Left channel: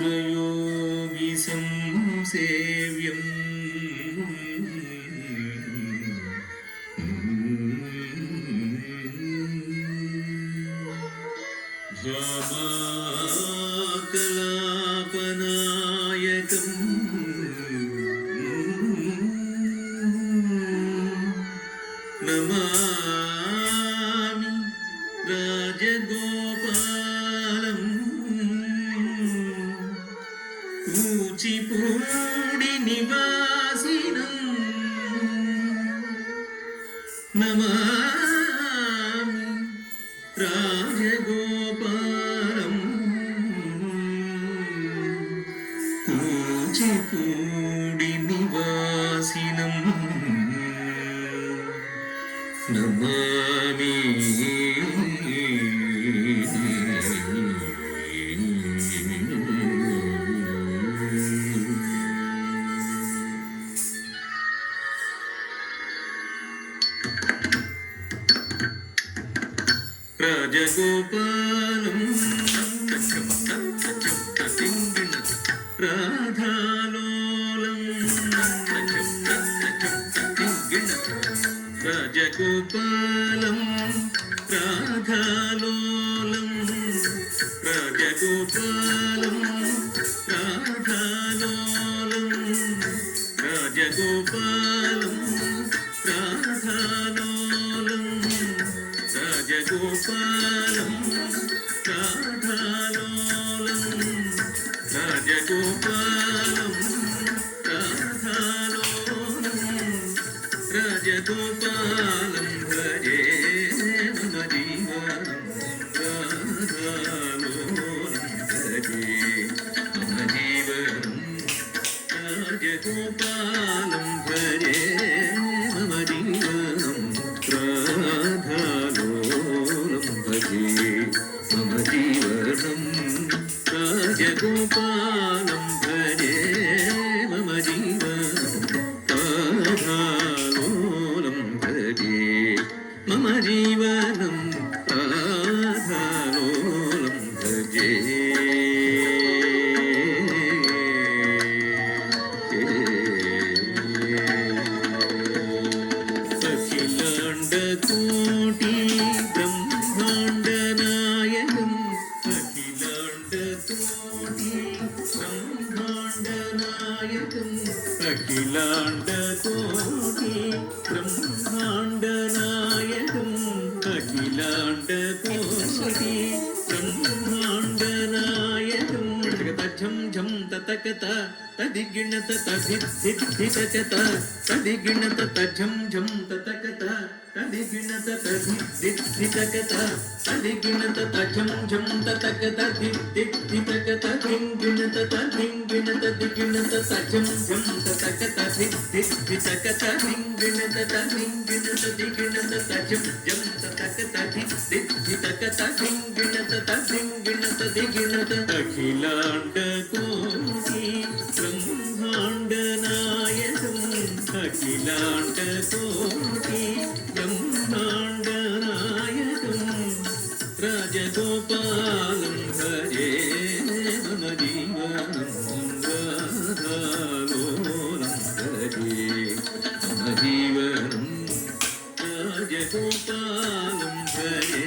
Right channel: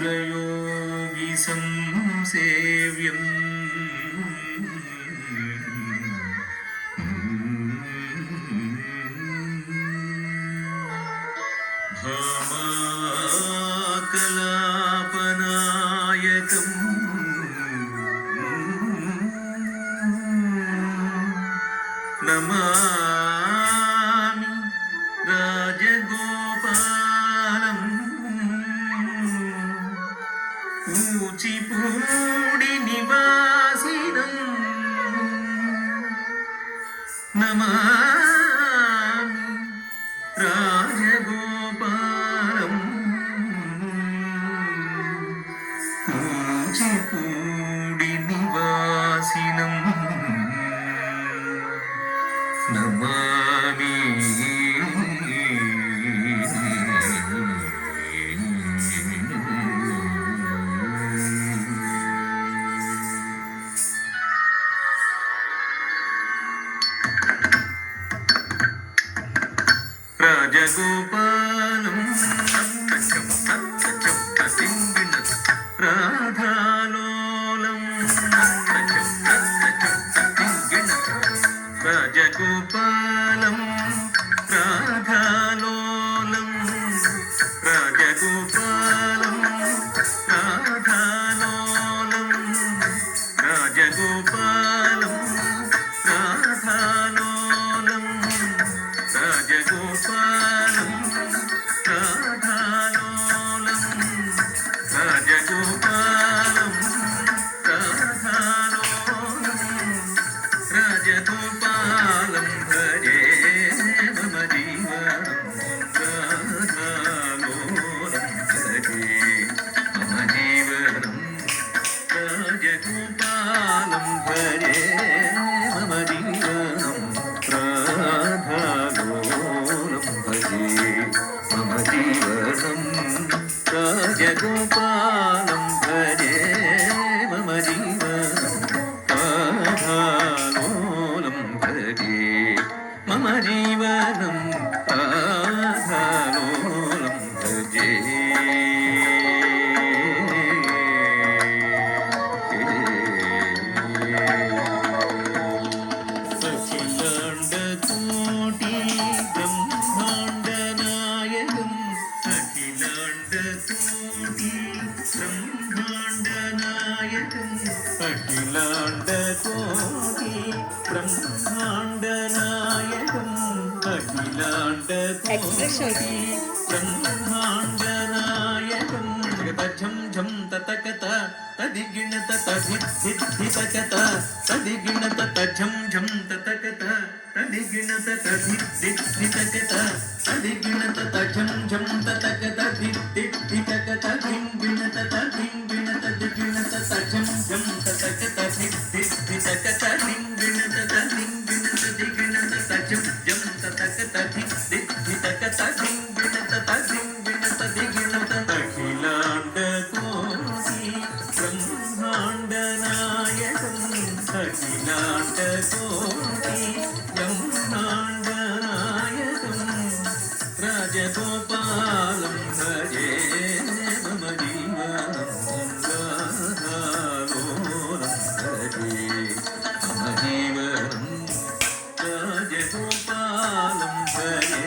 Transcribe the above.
सिद्धेन्द्रयोगी संसेव्यम् भामाकलापनायकम् नमामि राजगोपालम् कूचिपूडी निवासिनम् नमामि राजगोपालम् कूचिपूडी निवासिनम् नमामि राजगोपालम् राधालोलम् राजगोपालम् राधालोलम् राजगोपालम् राधालोलम् राजगोपालम् राधालोलम् राजगोपालम् राधालोलम् राजगोपालम् राधालोलम् राजगोपालं भजे मम जीवनं राधालोलं भजे मम जीवनं राजगोपालं भजे मम जीवनं राधालोलं भजे मम जीवनं राजगोपालं भजे मम जीवनं राधालोलं भजे मम जीवनं राधालोलं भजे अखिलाण्डकोटि ब्रह्माण्डनायकम् अखिलाण्डकोटि ब्रह्माण्डनायकम् अखिलाण्डकोटि ब्रह्माण्डनायकम् अखिलाण्डकोटि ब्रह्माण्डनायकम् झं झं ततकत तदिगिणत तदिद्धितकत तदिगिणत तझं झं ततकत तदिगिणत तदिद्धितकत तदिगिणत तझं झं ततकत दिद्धितकत धिंगिणत तधिंगिणत दिगिणत तझं झं ततकत दिद्धितकत धिंगिणत तधिंगिणत दिगिणत तझं झं ततकत दिद्धितकत धिंगिणत तधिंगिणत दिगिणत अखिलाण्डकोटि ब्रह्माण्डनायकम् अखिलाण्डकोटि ब्रह्माण्डनायकम् राजगोपालं भजे मम जीवनं राधालोलं भजे मम जीवनं राजगोपालं भजे